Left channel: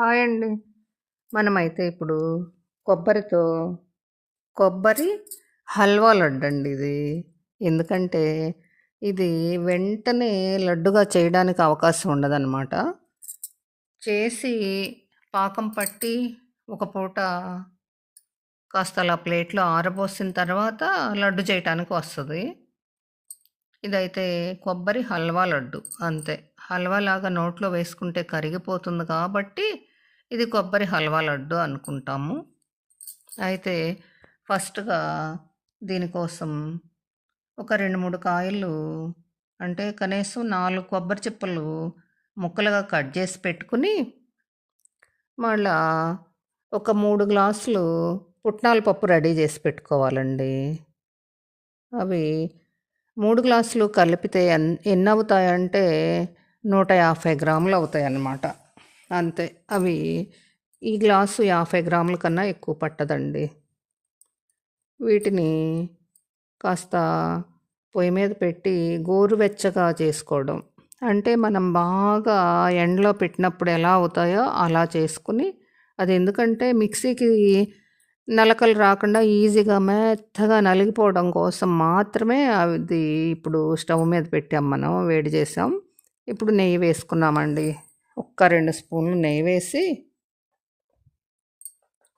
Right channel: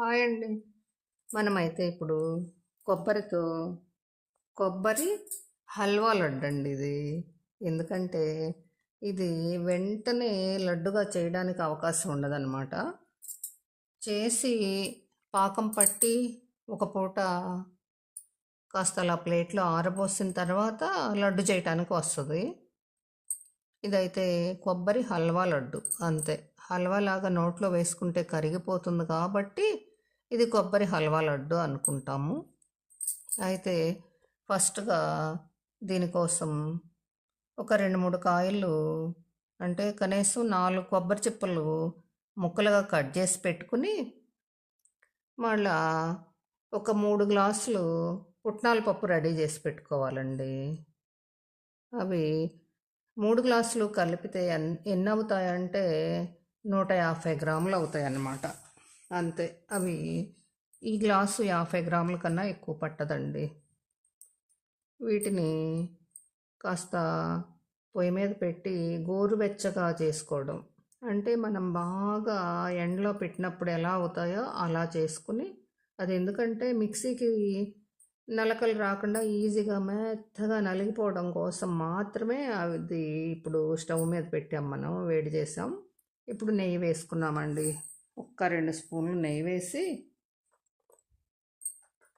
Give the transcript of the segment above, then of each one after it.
Hi అండి. మనమైతే ఇప్పుడు కొబ్బరితో కొబ్బరి హల్వా లడ్డు అండి ఇది. ఎందుకంటే ఇది వెంటనే లడ్డుగా చేయడానికి అవకాశం ఉండదన్నమాట. చేసి పాకం పట్టి ఒక పూట కాస్త అలా ప్లేట్లో ఆరబోసిన తర్వాత లడ్డు చేయటానికి వస్తుంది. ఇదైతే కొబ్బరి హల్వా లడ్డు అంతే. హల్వా లాగా నోట్లో వేసుకుంటే కరిగిపోతుంది కాబట్టి ఇది కొబ్బరి హల్వా లడ్డు అనుకుంటాము. అయితే ఫస్ట్గా దీనికోసం ఒక రెండు మూడు కాయలు అంటే కనీసం నాలుగు కొబ్బరి చిప్పలు ముక్కలుగా కట్ చేసి పెట్టుకుని మళ్ళా ఒక మూడు గ్లాసులు పుట్నాల పప్పు రెడీ చేసి పెట్టుకోవాలండి. అవి మూడు గ్లాసులు కలిపితే ఎన్ ఎన్ని అవుతాయంటే నూట యాభై గ్రాములు అవుతాయి అన్నమాట అంతే. అవి ఈ గ్లాసు యాభై గ్రాముల కన్నా ఎక్కువ పట్టదండి. వీటిని కాస్త పొయ్యి మీద పెట్టి గోరువెచ్చగా చేసుకోవడం. అంటే మనం బాగా ఎండలో పెట్టినప్పుడు ఎలా అవుతాయో అలా చేసుకుని అది ఎందుకంటే మిక్సీకి నలకలు రాకుండా ఈజీగా మెత్తగా నలిగిపోవడం కోసం మాత్రమే అది ఇప్పుడు స్టవ్ మీద పెట్టాం మనం వేడి చేసాం. ఇప్పుడు నెయ్యి వేసుకున్నామండి. ఒక్క రెండు స్పూన్లు నెయ్యి వేసి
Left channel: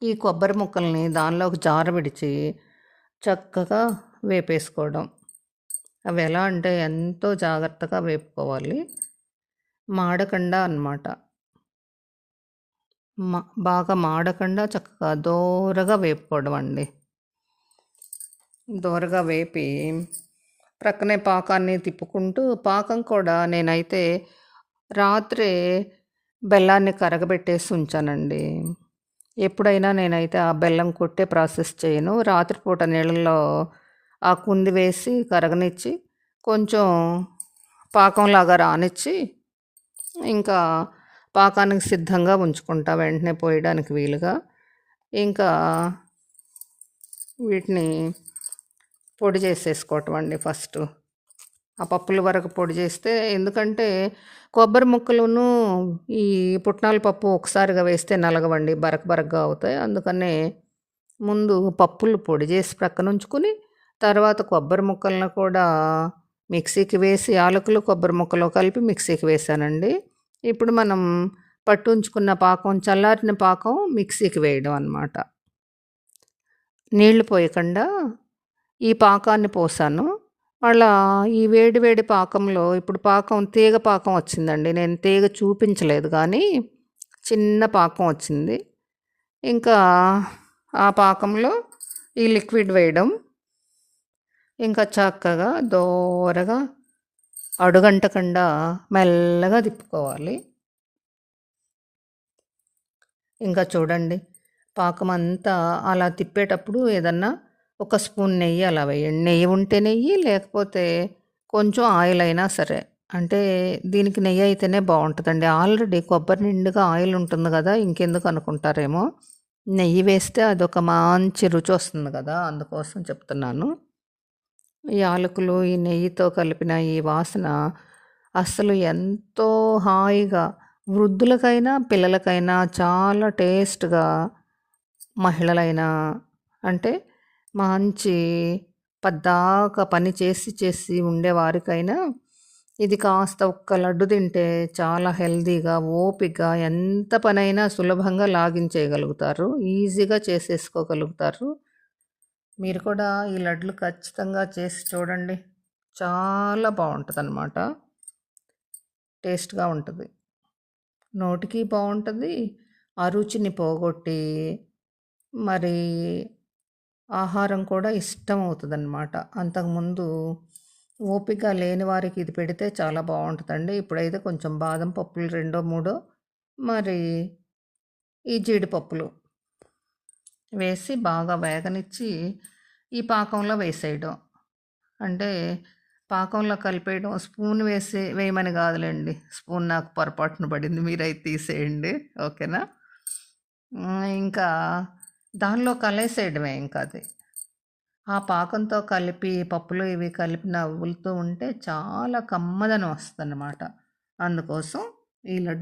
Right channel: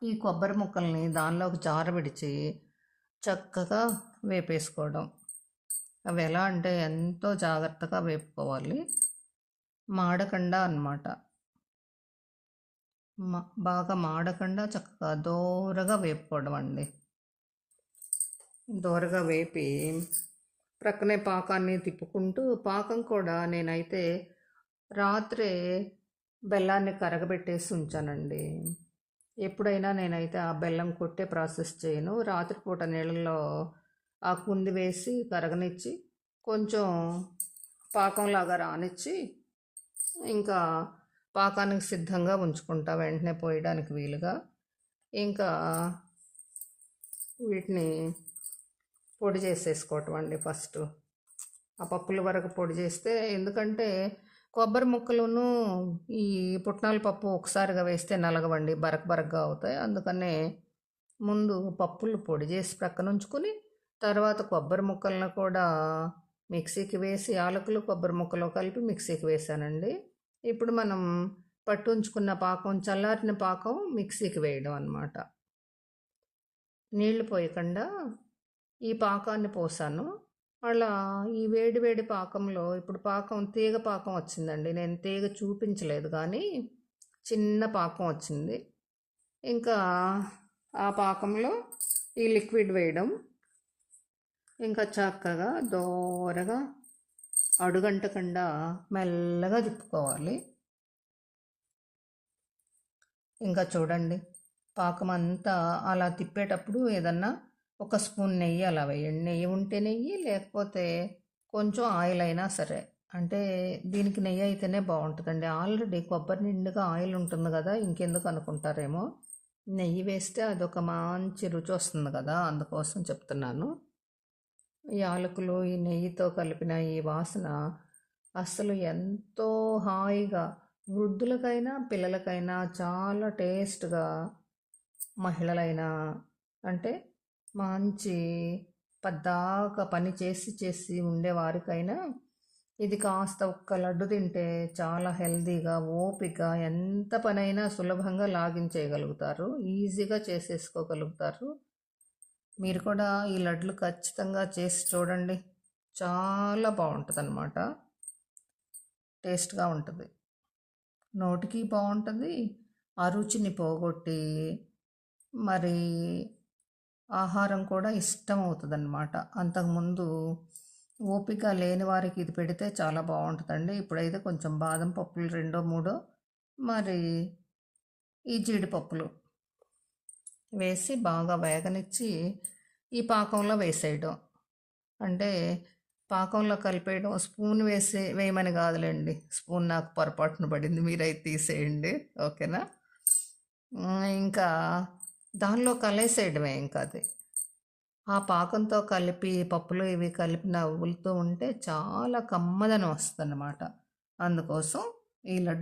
ఈ కొబ్బరి ముక్కల్ని దానిలోకి జార విడిచి చక్కగా వేపేసుకోవడం. అవి ఎలా అంటే ఎంతో జాగ్రత్తగా వేపుకోవాలి. మాడకుండా అన్నమాట. మా బాగా మాడకుండా చక్కగా దోరగా వేపుకోవడం అండి. దోరగా వేపి ప్రక్కనే పాకాన్ని తిప్పుకుంటూ పాకం కూడా నేనైతే రాత్రే బెల్లాన్ని కరగబెట్టేసి ఉంచానండి. ఎప్పుడైనా నేనైతే ఆ బెల్లం కొట్టే ప్రాసెస్ చేయను. రాత్రిపూట నీళ్ళల్లో ఆ కుంది వేసి కరగనిచ్చి కొంచెం పాకంలాగా రానిచ్చి ఇంకా పాకానికి సిద్ధంగా ఉంచుకుంటా వెంటనే పోయడానికి వీలుగా. ఇంకా వీటిని పొడి చేసేసుకోవటం అండి ఫస్ట్. ఆ పప్పుల వరకు పొడి చేస్తే ఎందుకంటే కొబ్బరి ముక్కలను ఈ పుట్నాల పప్పు ఒకసారిగా వేస్తే నలగవండి బరక బరకగా అవుతాయి. అందుకనే ముందు పప్పులు పొడి చేసి ప్రక్కన ఉంచుకుని తర్వాత కొబ్బరి ముక్కలను కూడా మిక్సీకి వేసి యాలకులు కొబ్బరి ముక్కలు కలిపి మిక్సీకి వేసానండి. ఇప్పుడు మనం పట్టుంచుకున్న పాకం చల్లారిన పాకం మిక్సీకి వేయడం అనమాట నీళ్ళు పోయకుండా ఈ పాకాన్ని పోసాను. వాళ్ళ ఈ వేడి వేడి పాకంలో ఇప్పుడు పాకం తీగ పాకం వచ్చిందండి. నేను తీగ చూపించలేదు కానీ చిన్న పాకం వచ్చింది. ఇంకా ఆ పాకంలో ఈ లిక్విడ్ వేయడం. ఇంకా చక్కగా దోరగా అడుగంటకుండా మెల్లగా తిప్పుకోవాలి. ఇంకా చూడండి పాకం అంతా అలా తిప్పేటప్పుడు ఏదన్నా ఒక స్పూన్ నెయ్యి అలా వేయండి. నెయ్యి ఉంటే నెయ్యి లేకపోతే కొంచెం ఆయిల్ అయినా సరే. అంటే దీనికి నెయ్యి అయితేనే బాగుంటుందండి. ఆల్రెడీ కొబ్బరి నిండుగా ఆయిల్ ఉంటుంది కదా ఇంకెందుకు అనుకుంటారేమో. నెయ్యి వేస్తే అదొక మంచి రుచి వస్తుంది కదా అందుకోసం చెప్తున్నాను. ఈ యాలకులు ఈ నెయ్యితో కలిపిన ఈ వాసన అస్సలు ఎంతో హాయిగా వృద్ధులకైనా పిల్లలకైనా చాలా టేస్ట్గా మహిళలైనా అంటే మంచి పద్దాక పని చేసి చేసి ఉండేవారికైనా ఇది కాస్త ఒక్క లడ్డు తింటే చాలా హెల్దీగా ఓపిక ఎంత పనైనా సులభంగా లాగించేయగలుగుతారు ఈజీగా చేసేసుకోగలుగుతారు. మీరు కూడా ఈ లడ్లు ఖచ్చితంగా చేసి చూడండి. చాలా బాగుంటుంది అనమాట టేస్ట్గా ఉంటుంది. నోటికి బాగుంటుంది. ఆ రుచిని పోగొట్టి మరి ఆహారం కూడా ఇష్టం అవుతుంది అనమాట అంతకుముందు ఓపిక లేని వారికి ఇది పెడితే చాలా బాగుంటుందండి. ఇప్పుడైతే కొంచెం బాదం పప్పులు రెండో మూడో మరి ఈ జీడిపప్పులు వేసి బాగా వేగనిచ్చి ఈ పాకంలో వేసేయడం. అంటే పాకంలో కలిపేయడం స్పూన్ వేసి వేయమని కాదులేండి. స్పూన్ నాకు పొరపాటున పడింది మీరైతే తీసేయండి. ఓకేనా? ఇంకా దానిలో కలేసేయడమే ఇంకా అది. ఆ పాకంతో కలిపి పప్పులు ఇవి కలిపి నవ్వులుతూ ఉంటే చాలా కమ్మదనం వస్తుంది అన్నమాట అందుకోసం ఈ లడ్డు